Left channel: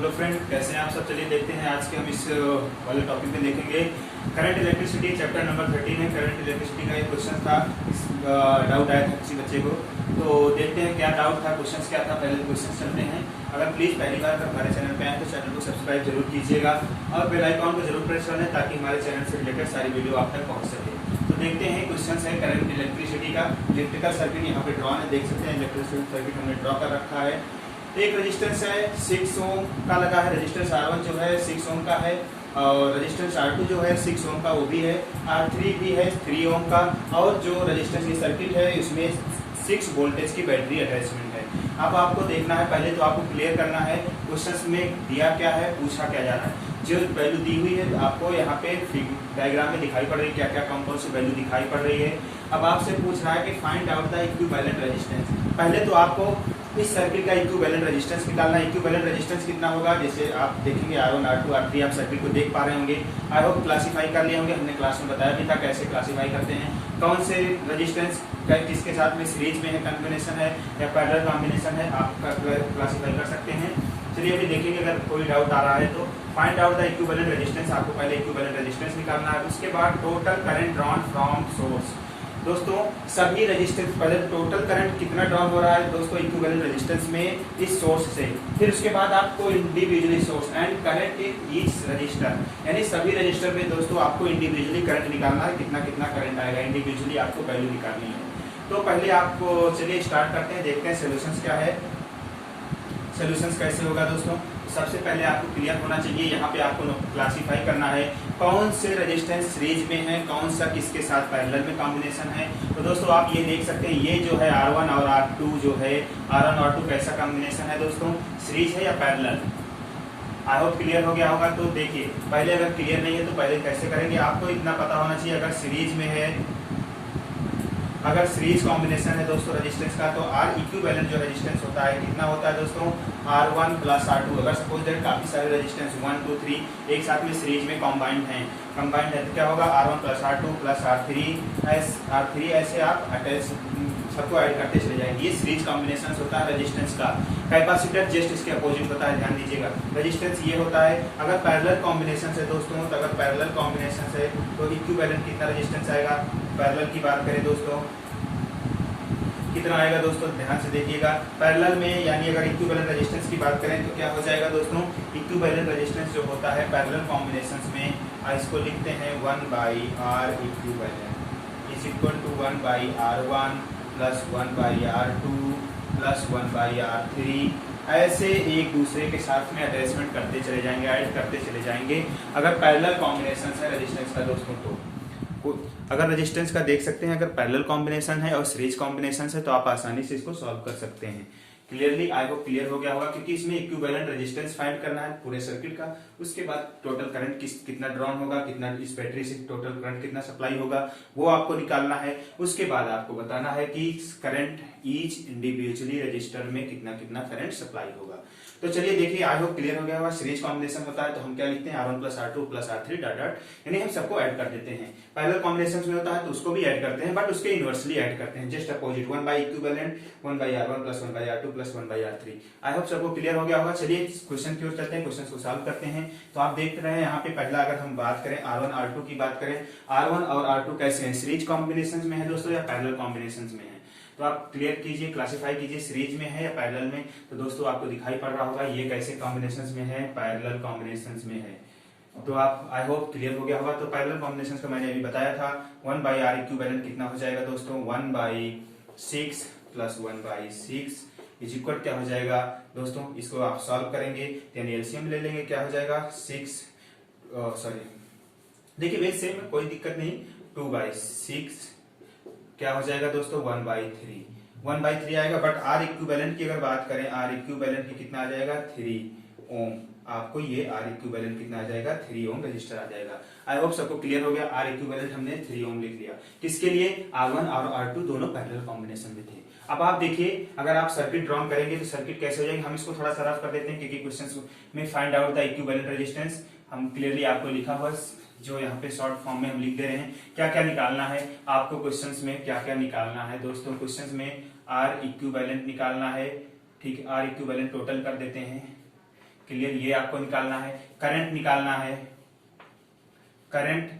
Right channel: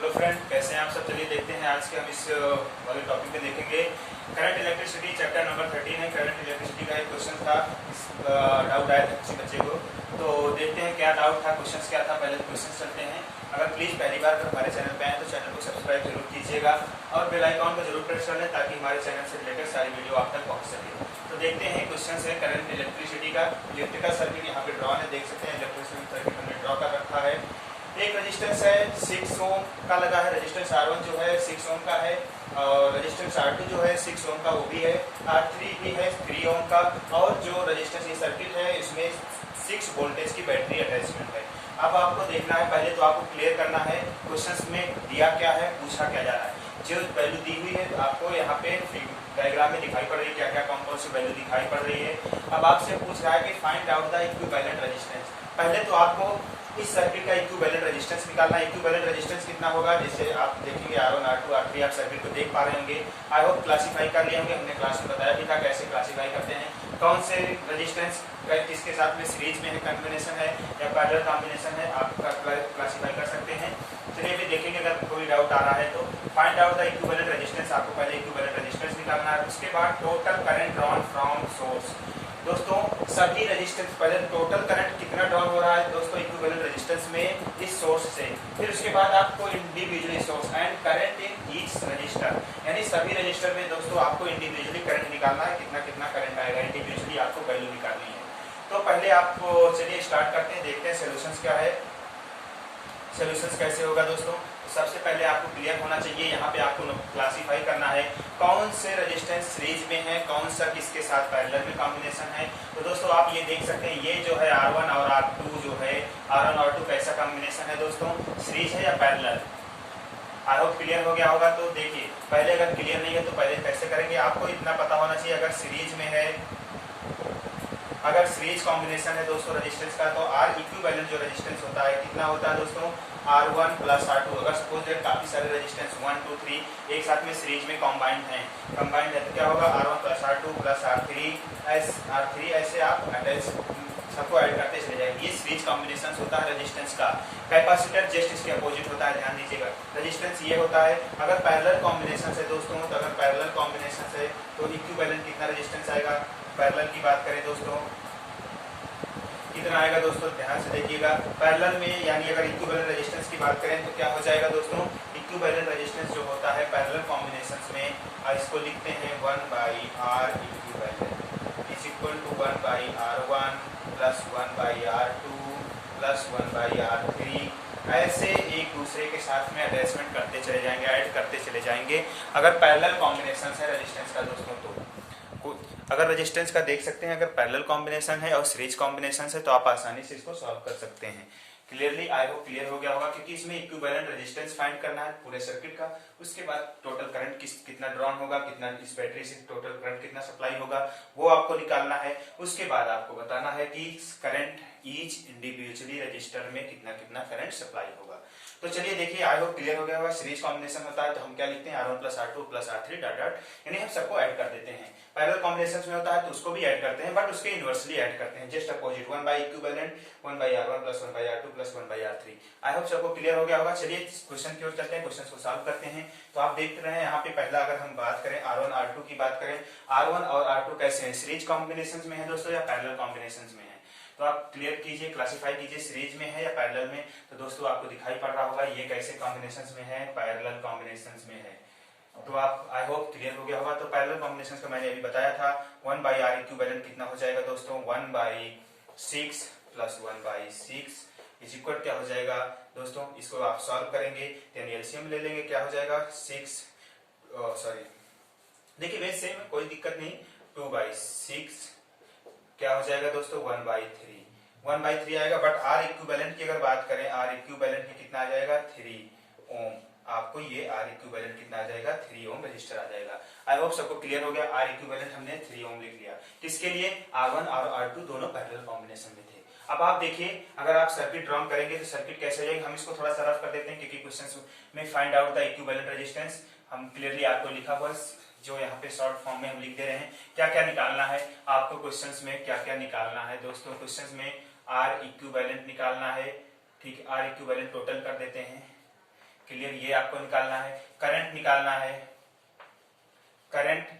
Hello friend, कैसे हैं आप सब। चलिए देखते हैं आज के हम इस वाले टॉपिक में देखेंगे करंट इलेक्ट्रिसिटी चैप्टर नंबर 13 है। करंट इलेक्ट्रिसिटी का एक क्वेश्चन था, डाउट आया था किसी बच्चे को, तो देखते हैं क्या डाउट था, क्वेश्चन क्या था। पहले क्वेश्चन चलते हैं। अगर प्लीज पहली बार हमारे चैनल पे आए तो चैनल को सब्सक्राइब जरूर कीजिएगा और बेल आइकॉन को जरूर प्रेस कर लें ताकि हमारे चैनल से रिलेटेड सारी वीडियो आप तक पहुंच सके। तो देखते हैं क्वेश्चन है करंट इलेक्ट्रिसिटी का। इलेक्ट्रिकल सर्किट यहाँ पे ड्रॉ है, देख सकते हैं इलेक्ट्रिकल सर्किट हमने ड्रॉ कर रखा है। एक रेजिस्टेंस है 6 ओम का लगा है, रेजिस्टेंस R1 जो है 6 ओम का है और रेजिस्टेंस R2 जो है 6 ओम का वो भी है, R3 भी है 3 ओम का। और जो रेजिस्टेंस की सर्किट है इसमें 6 वोल्टेज की बैटरी अटैचमेंट है। अब आपको देखना है, पहले तो आपको क्लियर करना है क्वेश्चन में दिया क्या है, पूछा क्या जा रहा है। जो वैल्यू दी हुई है आपको यहाँ पे डायग्राम में दिखाई पड़ रही है, क्या क्या कौन कौन सी वैल्यू दिखाई पड़ रही है। अब आपसे पूछ रहा है कि find out the equivalent resistance. पहले तो आपको इस सर्किट का इक्विवेलेंट रेजिस्टेंस निकालना है। इक्विवेलेंट रेजिस्टेंस कितना होगा, जैसे आप देखेंगे R1 R2 R3 आप सर्किट को देख पा रहे होंगे। आई होप क्लासीफाई कर लिए होंगे, हमने क्लास में बताया भी था कैसे क्लासीफाई करते हैं, कौन से रेजिस्टेंस किसके साथ में सीरीज में है, कॉम्बिनेशन है या पैरेलल कॉम्बिनेशन है, आप क्लासीफाई कर सकते हैं। चलिए अभी देखेंगे, अगर कोई डाउट आ रहा है तो find out the equivalent resistance. आपको पहले इक्विवेलेंट रेजिस्टेंस निकालना है, उसके बाद total current drawn from source. दोस्तों सभी रेजिस्टेंस, पहले टोटल करंट कितना ड्रॉन हो रहा है दोस्तों इक्विवेलेंट रेजिस्टेंस में इस सोर्स से, फिर उसके बाद आपको individually source and current in each resistor, यानी सभी रजिस्टर में दोस्तों आपको इंडिविजुअली करंट निकालना है, कितना कितना करंट आएगा, इंडिविजुअली आपको वैल्यू निकालनी है। तो पहले आपको चलिए स्टार्ट करते हैं, देखते हैं सोल्यूशन क्या है, सोल्यूशन कैसे होगा दोस्तों। सबसे पहले आपको क्लियर होना चाहिए, यहाँ पे आपको क्लासीफाई करना है कौन से रेजिस्टेंस सीरीज में है, कौन सा किसके साथ पैरेलल में कॉम्बिनेशन है। तो दोस्तों आप ये देख सकते हैं, ये जो है R1 और R2 जो है, R1 और R2 कैसा कॉम्बिनेशन है दोस्तों, सीरीज है या पैरेलल। आई होप क्लियर हो गया होगा। तो देखिए पहले अगर क्लियर नहीं है तो पहले कैसे करेंगे, आपको इतना पता होना चाहिए, अगर सीरीज में है, अगर सीरीज कॉम्बिनेशन है दोस्तों रेजिस्टेंस का, तो R इक्विवेलेंट जो रेजिस्टेंस होता है कितना होता है दोस्तों, R1 प्लस R2। अगर सपोज दैट काफी सारे रेजिस्टेंस 1 2 3 एक साथ में सीरीज में कंबाइंड है तो क्या होगा, R1 plus R2 plus R3 ऐसे आप अटैच सबको ऐड करते चले जाएंगे। ये सीरीज कॉम्बिनेशन होता है रेजिस्टेंस का। कैपेसिटर जस्ट इसके अपोजिट होता है, ध्यान दीजिएगा। रेजिस्टेंस ये होता है, अगर पैरेलल कॉम्बिनेशन से दोस्तों, तो अगर पैरेलल कॉम्बिनेशन से तो इक्विवेलेंट कितना रेजिस्टेंस आएगा, पैरेलल की बात करें दोस्तों कितना आएगा दोस्तों, ध्यान से देखिएगा। पैरेलल में यानी अगर इक्विवेलेंट रेजिस्टेंस की बात करें तो क्या हो जाएगा दोस्तों, इक्विवेलेंट रेजिस्टेंस जो होता है पैरेलल कॉम्बिनेशंस में, इसको लिखते हैं 1/R equivalent is equal to 1/R1 plus 1/R2 plus 1/R3। ऐसे एक दूसरे के साथ में अटैचमेंट करते चले जाएंगे, ऐड करते चले जाएंगे। अगर पैरेलल कॉम्बिनेशन है रेजिस्टेंस का दोस्तों, तो अगर रेजिस्टेंस का देख सकते हैं, अगर पैरेलल कॉम्बिनेशन है और सीरीज कॉम्बिनेशन है तो आप आसानी से इसको सॉल्व कर सकते हैं। क्लियरली आई होप क्लियर हो गया होगा, क्योंकि इसमें इक्विवेलेंट रेजिस्टेंस फाइंड करना है पूरे सर्किट का। उसके बाद टोटल करंट कितना ड्रॉन होगा, कितना इस बैटरी से टोटल करंट कितना सप्लाई होगा वो आपको निकालना है। उसके बाद आपको बताना है कि करंट ईच इंडिविजुअली रजिस्टर में कितना कितना करंट सप्लाई होगा। तो चलिए देखिए, आई होप क्लियर हो गया होगा। सीरीज कॉम्बिनेशन होता है तो हम क्या लिखते हैं, R1 plus R2 plus R3 dot dot, यानी हम सबको ऐड कर देते हैं। पैरेलल कॉम्बिनेशन में होता है तो उसको भी ऐड करते हैं, बट उसके इनवर्सली ऐड करते हैं, जस्ट अपोजिट 1/इक्विवेलेंट 1/R1 plus 1/R2 plus 1/R3। I hope सबको क्लियर हो गया होगा। चलिए क्वेश्चन की ओर चलते हैं, क्वेश्चन को सॉल्व करते हैं। तो आप देख रहे हैं यहाँ पे पहला अगर हम बात करें R1 R2 की बात करें, R1 और R2 कैसे हैं, सीरीज कॉम्बिनेशन में है दोस्तों या पैरेलल कॉम्बिनेशन में है। तो आप क्लियर कीजिए, क्लासिफाई कीजिए, सीरीज में है या पैरेलल में। तो दोस्तों आपको दिखाई पड़ रहा होगा ये कैसे कॉम्बिनेशंस में है, पैरेलल कॉम्बिनेशंस में है। तो आप आई होप क्लियर हो गया होगा। तो पैरेलल कॉम्बिनेशन का मैंने अभी बताया था, 1/R इक्विवेलेंट कितना हो जाएगा दोस्तों, 1/6 प्लस 1/6 इज इक्वल क्या हो जाएगा दोस्तों, इसको आप सॉल्व करेंगे यानी एलसीएम ले लेंगे, क्या हो जाएगा 6 सॉरी देखिए वेज सेम कोई दिक्कत नहीं, 2/6 क्या हो जाएगा दोस्तों 1/3 आएगा। बट R इक्विवेलेंट की अगर बात करें, R इक्विवेलेंट की कितना आ जाएगा 3 ओम। आपको ये R इक्विवेलेंट कितना आ जाएगा 3 ओम रजिस्टर आ जाएगा। आई होप सबको क्लियर हो गया। R इक्विवेलेंट हमने 3 ओम लिख लिया, किसके लिए, R1 और R2 दोनों पैरेलल कॉम्बिनेशन में थे। अब आप देखिए, अगर आप सर्किट ड्रॉ करेंगे तो सर्किट कैसे हो जाएगी, हम इसको थोड़ा सा रफ कर देते हैं क्योंकि क्वेश्चन में find out the equivalent resistance हम क्लियरली आपको लिखा हुआ जो यहाँ पे शॉर्ट फॉर्म में हम लिख दे रहे हैं। क्या क्या निकालना है आपको क्वेश्चंस में, क्या क्या निकालना है दोस्तों, क्वेश्चंस में R इक्विवेलेंट निकालना है, ठीक है। R इक्विवेलेंट टोटल कर देते हैं, क्लियर, ये आपको निकालना है। करंट निकालना है, करंट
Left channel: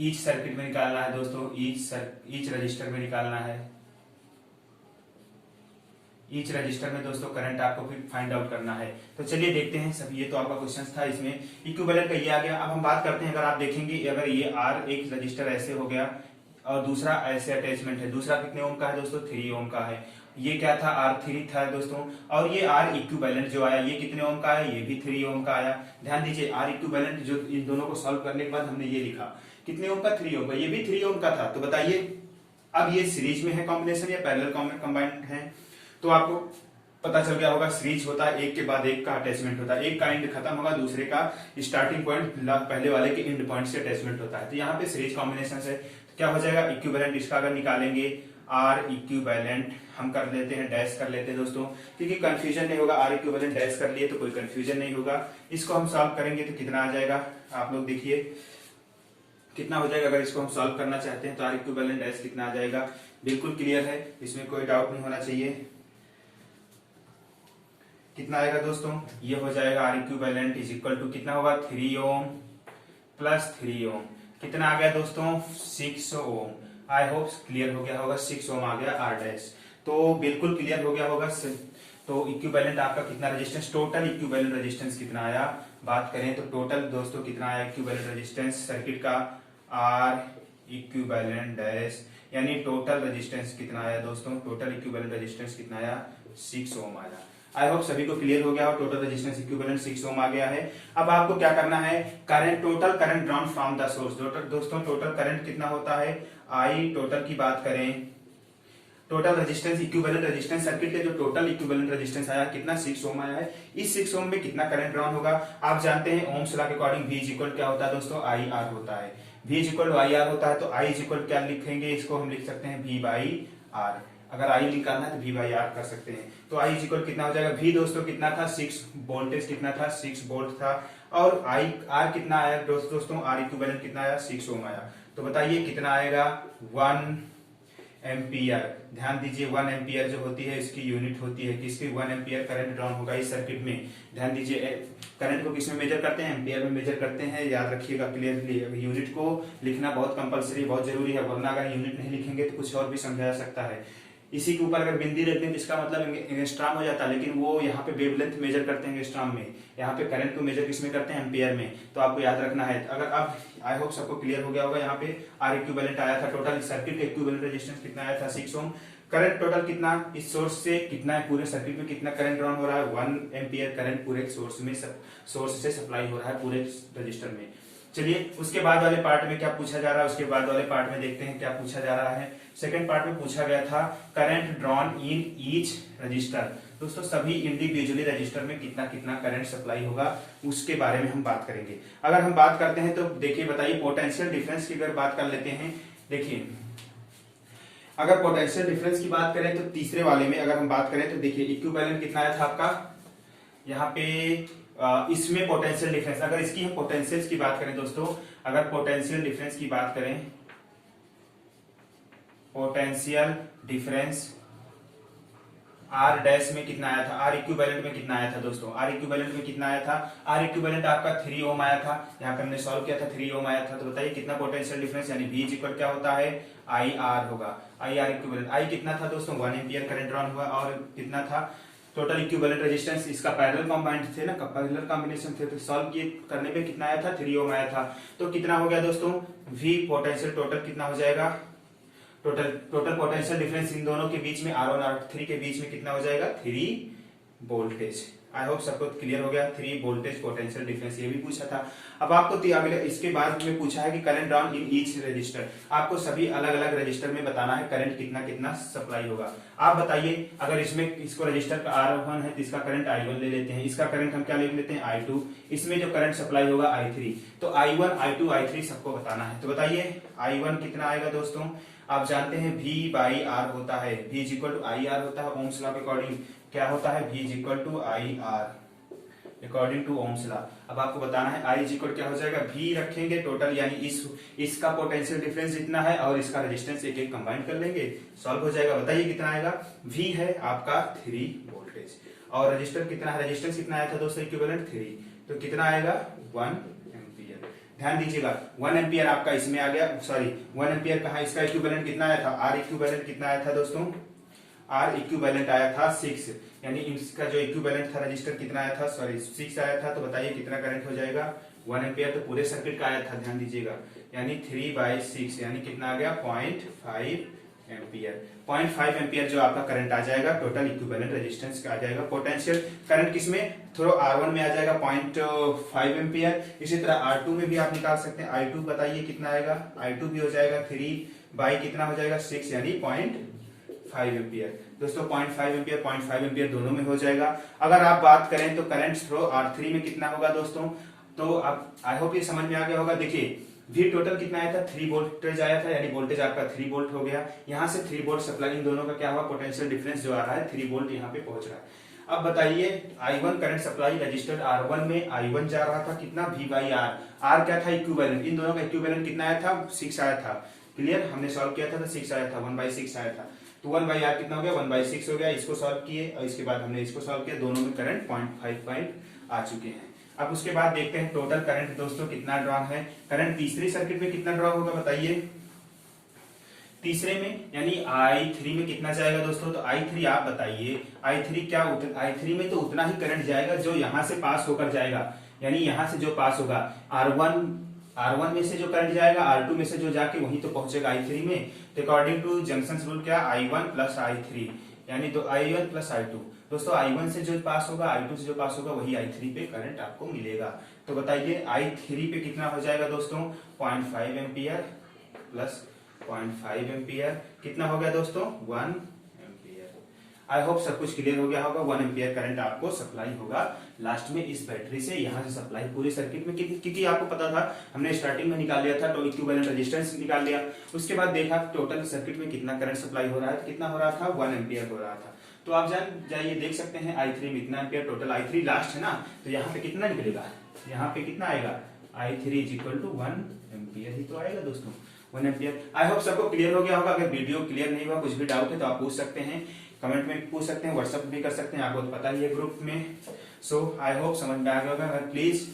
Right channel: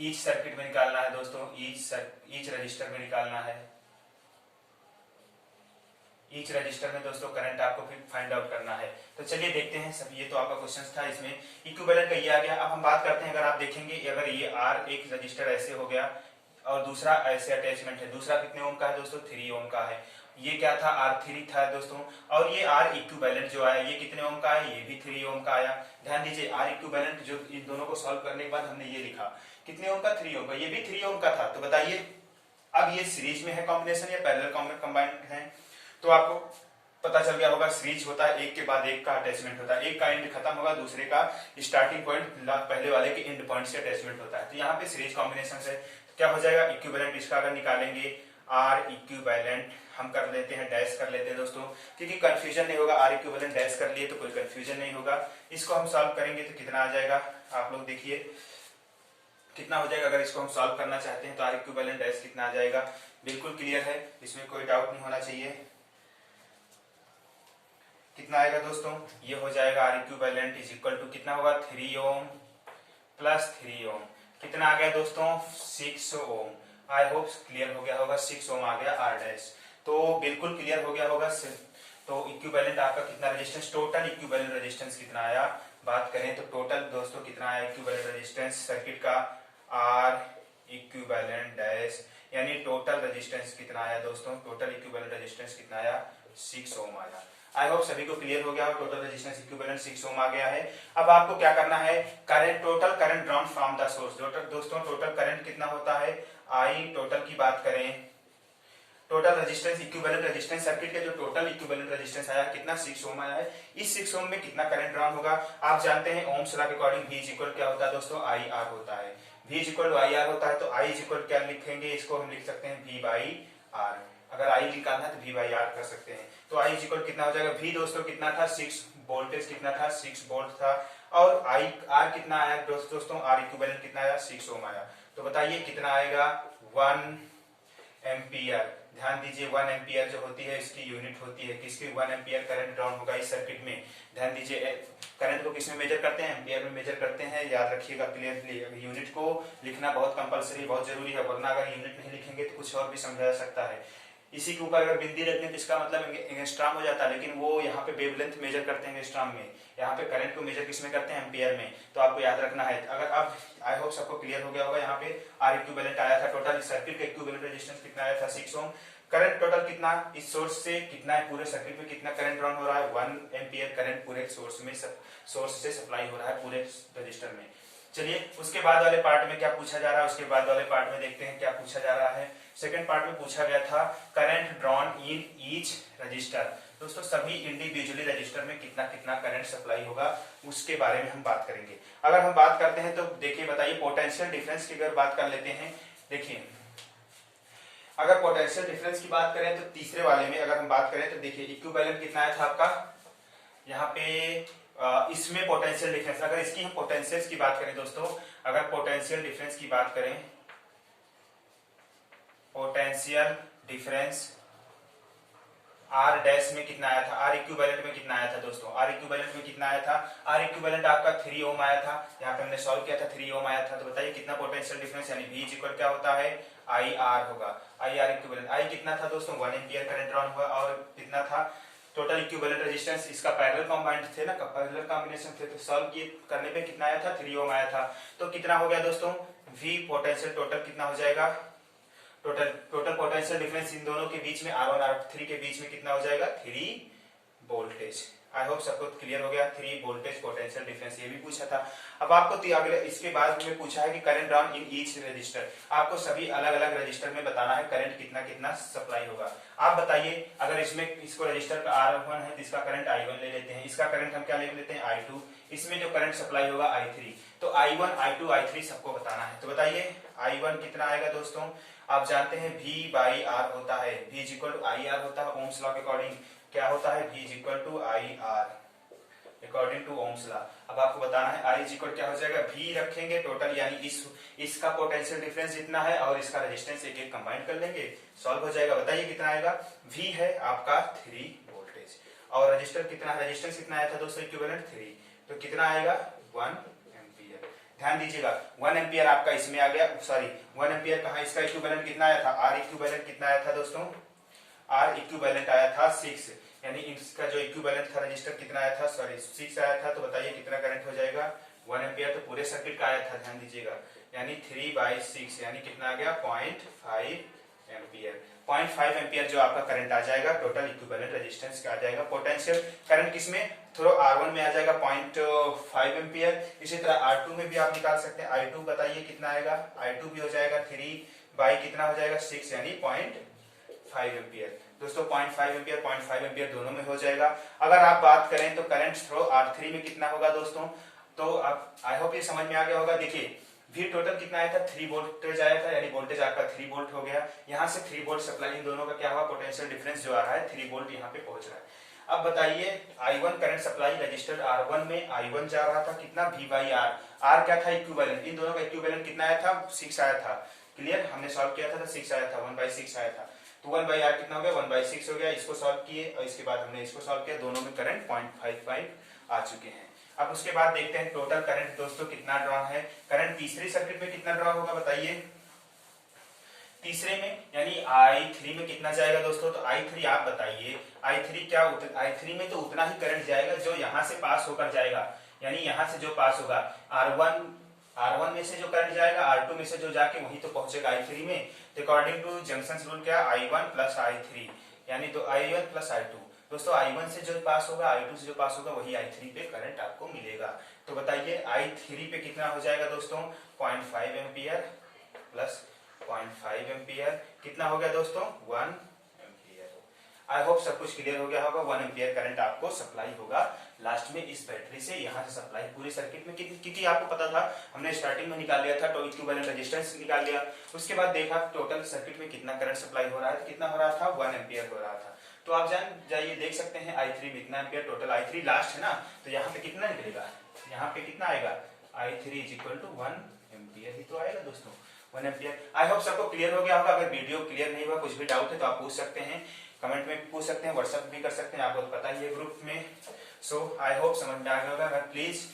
ईच सर्किट में निकालना है दोस्तों, ईच रजिस्टर में निकालना है। ईच रजिस्टर में दोस्तों करंट आपको फिर फाइंड आउट करना है। तो चलिए देखते हैं सब, ये तो आपका क्वेश्चन था, इसमें इक्विवेलेंट का ये आ गया। अब हम बात करते हैं, अगर आप देखेंगे अगर ये आर एक रजिस्टर ऐसे हो गया और दूसरा ऐसे अटैचमेंट है, दूसरा कितने ओम का है दोस्तों, 3 ओम का है। ये क्या था, R3 था दोस्तों, और ये R इक्विवेलेंट जो आया ये कितने ओम का है, ये भी 3 ओम का आया। ध्यान दीजिए R इक्विवेलेंट जो इन दोनों को सॉल्व करने के बाद हमने ये लिखा कितने ओम का, 3 ओम का, ये भी 3 ओम का था। तो बताइए अब ये सीरीज में है कॉम्बिनेशन या पैरेलल कंबाइंड है। तो आपको पता चल गया होगा सीरीज होता है, एक के बाद एक का अटैचमेंट होता है, एक का एंड खत्म होगा, दूसरे का स्टार्टिंग पॉइंट पहले वाले के एंड पॉइंट से अटैचमेंट होता है। तो यहाँ पे सीरीज कॉम्बिनेशन से क्या हो जाएगा, इक्विवेलेंट। इसका अगर निकालेंगे आर इक्विवेलेंट, हम कर लेते हैं डैश कर लेते हैं दोस्तों, क्योंकि कंफ्यूजन नहीं होगा। आर इक्विवेलेंट डैश कर लिए तो कोई कंफ्यूजन नहीं होगा। इसको हम सॉल्व करेंगे तो कितना आ जाएगा, आप लोग देखिए कितना हो जाएगा। अगर इसको हम सॉल्व करना चाहते हैं तो आर इक्विवेलेंट डैश कितना आ जाएगा, बिल्कुल क्लियर है, इसमें कोई डाउट नहीं होना चाहिए। कितना आएगा दोस्तों, ये हो जाएगा R equivalent is equal to कितना होगा, 3 ओम प्लस 3 ओम। कितना आ गया दोस्तों, 6 ओम। आई होप क्लियर हो गया होगा, 6 ओम आ गया आर डैश, तो बिल्कुल क्लियर हो गया होगा। तो इक्विवेलेंट आपका कितना रेजिस्टेंस, टोटल इक्विवेलेंट रेजिस्टेंस कितना आया, बात करें तो टोटल दोस्तों कितना आया इक्विवेलेंट रेजिस्टेंस सर्किट का, आर इक्विवेलेंट डैश, यानी टोटल रेजिस्टेंस कितना आया दोस्तों, टोटल इक्विवेलेंट रेजिस्टेंस कितना आया, 6 ओम आया। आई होप सभी को क्लियर हो गया हो, टोटल रेजिस्टेंस इक्विवेलेंट 6 ओम आ गया है। अब आपको क्या करना है, current, total current drawn from the source. दोस्तों टोटल करंट कितना होता है, आई टोटल की बात करें, total resistance equivalent resistance circuit के जो टोटल इक्विवेलेंट रेजिस्टेंस आया कितना, 6 ओम आया है। इस 6 ओम में कितना करंट ड्रॉन होगा, आप जानते हैं ओम्स लॉ के अकॉर्डिंग V इज इक्वल क्या होता है दोस्तों, आई आर होता है। V is equal I R होता है, तो I इज इक्वल क्या लिखेंगे, इसको हम लिख सकते हैं V बाई आर। अगर I निकालना है तो V बाई आर कर सकते हैं। तो I इज इक्वल कितना हो जाएगा, V दोस्तों कितना था, 6 वोल्टेज कितना था, 6 वोल्ट था, और I R कितना आया दोस्तों, R इक्विवेलेंट कितना आया, 6 ओम आया। तो बताइए कितना आएगा, 1 एम्पियर। ध्यान दीजिए 1 एम्पियर जो होती है इसकी यूनिट होती है, किसकी, 1 एम्पियर करंट ड्रॉन होगा इस सर्किट में। ध्यान दीजिए करंट को किसमें मेजर करते हैं, एम्पियर में मेजर करते हैं, याद रखिएगा क्लियरली। यूनिट को लिखना बहुत कंपलसरी, बहुत जरूरी है, वरना अगर यूनिट नहीं लिखेंगे तो कुछ और भी समझाया सकता है। इसी के ऊपर अगर बिंदी रखते हैं तो इसका मतलब एंगस्ट्राम हो जाता है, लेकिन वो यहाँ पे वेवलेंथ मेजर करते हैं एंगस्ट्राम में, यहाँ पे करंट को मेजर किसमें करते हैं, एम्पियर में। तो आपको याद रखना है। अगर अब आई होप सबको क्लियर हो गया होगा, यहाँ पे आर इक्विवेलेंट आया था, टोटल सर्किट का इक्विवेलेंट रेजिस्टेंस कितना आया था, 6 ओम। करंट टोटल कितना, इस सोर्स से कितना है, पूरे सर्किट में कितना करंट ड्रॉन हो रहा है, 1 एम्पियर करंट पूरे सोर्स में, सोर्स से सप्लाई हो रहा है पूरे रजिस्टर में। चलिए उसके बाद वाले पार्ट में क्या पूछा जा रहा है, उसके बाद वाले पार्ट में देखते हैं क्या पूछा जा रहा है। सेकंड पार्ट में पूछा गया था current drawn in each resistor. दोस्तों सभी इंडिविजुअली रजिस्टर में कितना कितना करंट सप्लाई होगा उसके बारे में हम बात करेंगे। अगर हम बात करते हैं तो देखिए, बताइए पोटेंशियल डिफरेंस की अगर बात कर लेते हैं। देखिए अगर पोटेंशियल डिफरेंस की बात करें तो तीसरे वाले में अगर हम बात करें तो देखिए इक्विवेलेंट कितना आया था आपका, यहाँ पे इसमें पोटेंशियल डिफरेंस, अगर इसकी हम पोटेंशियल की बात करें दोस्तों, अगर पोटेंशियल डिफरेंस की बात करें, पोटेंशियल डिफरेंस आर डैश में कितना आया था, आर इक्विवेलेंट में कितना आया था दोस्तों, आर इक्विवेलेंट में कितना आया था, आर इक्विवेलेंट आपका 3 ओम आया था, यहाँ पे हमने सॉल्व किया था 3 ओम आया था। तो बताइए कितना पोटेंशियल डिफरेंस, यानी V इक्वल क्या होता है, आई आर होगा, आई आर इक्विवेलेंट। आई कितना था दोस्तों, 1 एम्पियर करंट ड्रॉन हुआ, और कितना था टोटल इक्विवेलेंट रेजिस्टेंस, इसका पैरेलल कंबाइंड थे ना, पैरेलल कॉम्बिनेशन थे, तो सॉल्व करने पे कितना आया था, 3 ओम आया था। तो कितना हो गया दोस्तों, V पोटेंशियल टोटल कितना हो जाएगा, टोटल पोटेंशियल डिफरेंस इन दोनों के बीच में R1 R3 के बीच में कितना हो जाएगा, 3 वोल्टेज। आई होप सबको क्लियर हो गया, 3 वोल्टेज पोटेंशियल डिफरेंस, ये भी पूछा था। अब आपको अगले इसके बाद में पूछा है कि current drawn in each resistor, आपको सभी अलग अलग रजिस्टर में बताना है करंट कितना कितना सप्लाई होगा। आप बताइए अगर इसमें इसको रजिस्टर का R1 है तो इसका करंट I1 ले लेते हैं, इसका करंट हम क्या ले लेते हैं, I2, इसमें जो करंट सप्लाई होगा I3। तो I1 I2 I3 सबको बताना है। तो बताइए I1 कितना आएगा दोस्तों, आप जानते हैं V बाई आर होता है, V is equal to I R होता है, ओम्स लॉ के अकॉर्डिंग क्या होता है, V is equal to I R according to Ohm's law. अब आपको बताना है I इज इक्वल क्या हो जाएगा, V रखेंगे टोटल, यानी इसका पोटेंशियल डिफरेंस जितना है और इसका रेजिस्टेंस एक एक कंबाइन कर लेंगे, सॉल्व हो जाएगा। बताइए कितना आएगा, V है आपका 3 वोल्टेज। और रजिस्टर कितना है, रजिस्टेंस कितना आया था दोस्तों, इक्विवेलेंट 3, तो कितना आएगा 1 एम्पियर। ध्यान दीजिएगा 1 एम्पियर आपका इसमें आ गया, सॉरी 1 एम्पियर कहा, इसका इक्विवेलेंट कितना आया था, आर इक्विवेलेंट कितना आया था दोस्तों, आर इक्विवेलेंट आया था 6, यानी इसका जो इक्विवेलेंट था रजिस्टर कितना आया था, सॉरी 6 आया था। तो बताइए कितना करंट हो जाएगा 1 एम्पियर, तो पूरे सर्किट का आया था, ध्यान दीजिएगा, यानी 3/6 यानी कितना आ गया 0.5 एम्पियर। 0.5 एम्पियर जो आपका करंट आ जाएगा, टोटल इक्विवेलेंट रेजिस्टेंस का आ जाएगा। पोटेंशियल करंट किसमें, थोड़ा R1 में आ जाएगा 0.5 एम्पियर। इसी तरह R2 में भी आप निकाल सकते हैं, I2 बताइए कितना आएगा, I2 भी हो जाएगा 3 कितना हो जाएगा 6 यानी 0.5 एम्पियर। दोस्तों 0.5 एम्पियर 0.5 एम्पियर दोनों में हो जाएगा। अगर आप बात करें तो करंट थ्रो R3 में कितना होगा दोस्तों, तो अब आई होप ये समझ में आ गया होगा। देखिए V टोटल कितना आया था, 3 वोल्टेज आया था, यानी वोल्टेज आपका 3 वोल्ट हो गया। यहाँ से 3 वोल्ट सप्लाई, इन दोनों का क्या हुआ, पोटेंशियल डिफरेंस जो आ रहा है 3 वोल्ट यहाँ पे पहुंच रहा है। अब बताइए I1 current supply registered R1 में, I1 जा रहा था कितना V/R, R क्या था इक्विवेलेंट, इन दोनों का इक्विवेलेंट कितना आया था 6 आया था। क्लियर, हमने सॉल्व किया था तो 6 आया था, 1/6 आया था। तो 1/R कितना हो गया 1/6 हो गया। इसको सॉल्व किए और इसके बाद हमने इसको सॉल्व किया, दोनों में करंट 0.55 आ चुके हैं। अब उसके बाद देखते हैं टोटल करंट दोस्तों कितना ड्रॉ है। करंट तीसरी सर्किट में कितना ड्रॉ होगा बताइए, तीसरे में यानी I3 में कितना जाएगा दोस्तों, तो I3 आप बताइए, I3 क्या, I3 में तो उतना ही करंट जाएगा जो यहां से पास होकर जाएगा, यानी यहां से जो पास होगा R1 में से जो करंट जाएगा, R2 में से जो जाके वहीं तो पहुंचेगा I3 में। तो अकॉर्डिंग टू जंक्शन रूल क्या, I1 प्लस I3 यानी तो I1 प्लस I2। दोस्तों I1 से जो पास होगा, I2 से जो पास होगा, वही I3 पे करंट आपको मिलेगा। तो बताइए I3 पे कितना हो जाएगा दोस्तों, 0.5 एम्पियर प्लस 0.5 एम्पियर कितना हो गया दोस्तों 1 एम्पियर। आई होप सब कुछ क्लियर हो गया होगा। 1 एम्पियर करंट आपको सप्लाई होगा लास्ट में इस बैटरी से, यहाँ से सप्लाई पूरे सर्किट में, क्योंकि आपको पता था हमने स्टार्टिंग में निकाल लिया था, तो इक्विवेलेंट रेजिस्टेंस निकाल लिया। उसके बाद देखा टोटल सर्किट में कितना करंट सप्लाई हो रहा है, तो कितना हो रहा था 1 एम्पियर हो रहा था। तो आप जाइए देख सकते हैं I3 में इतना एम्पियर, टोटल I3 लास्ट है ना, तो यहाँ पे कितना निकलेगा, यहाँ पे कितना आएगा I3 इक्वल टू 1 एम्पियर ही तो आएगा दोस्तों, 1 एम्पियर। आई होप सबको क्लियर हो गया होगा। अगर वीडियो क्लियर नहीं हुआ, कुछ भी डाउट है तो आप पूछ सकते हैं, कमेंट में पूछ सकते हैं, व्हाट्सएप भी कर सकते हैं, आपको तो पता ही है ग्रुप में। सो आई होप समझ में आ गया होगा। अगर प्लीज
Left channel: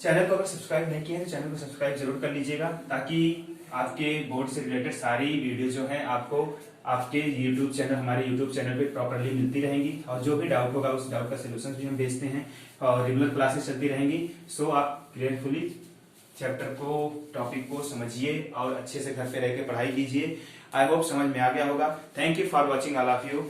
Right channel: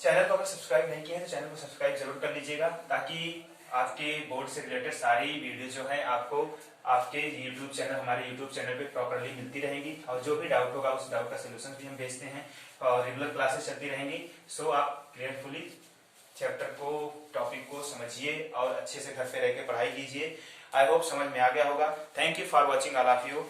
चैनल को अगर सब्सक्राइब नहीं किया है तो चैनल को सब्सक्राइब जरूर कर लीजिएगा, ताकि आपके बोर्ड से रिलेटेड सारी वीडियो जो है आपको आपके यूट्यूब चैनल, हमारे यूट्यूब चैनल पे प्रॉपरली मिलती रहेंगी। और जो भी डाउट होगा उस डाउट का सोल्यूशन भी हम भेजते हैं, और रेगुलर क्लासेस चलती रहेंगी। सो आप क्लियरफुली चैप्टर को, टॉपिक को समझिए और अच्छे से घर पे रह के पढ़ाई कीजिए। आई होप समझ में आ गया होगा। Thank you for watching all of you.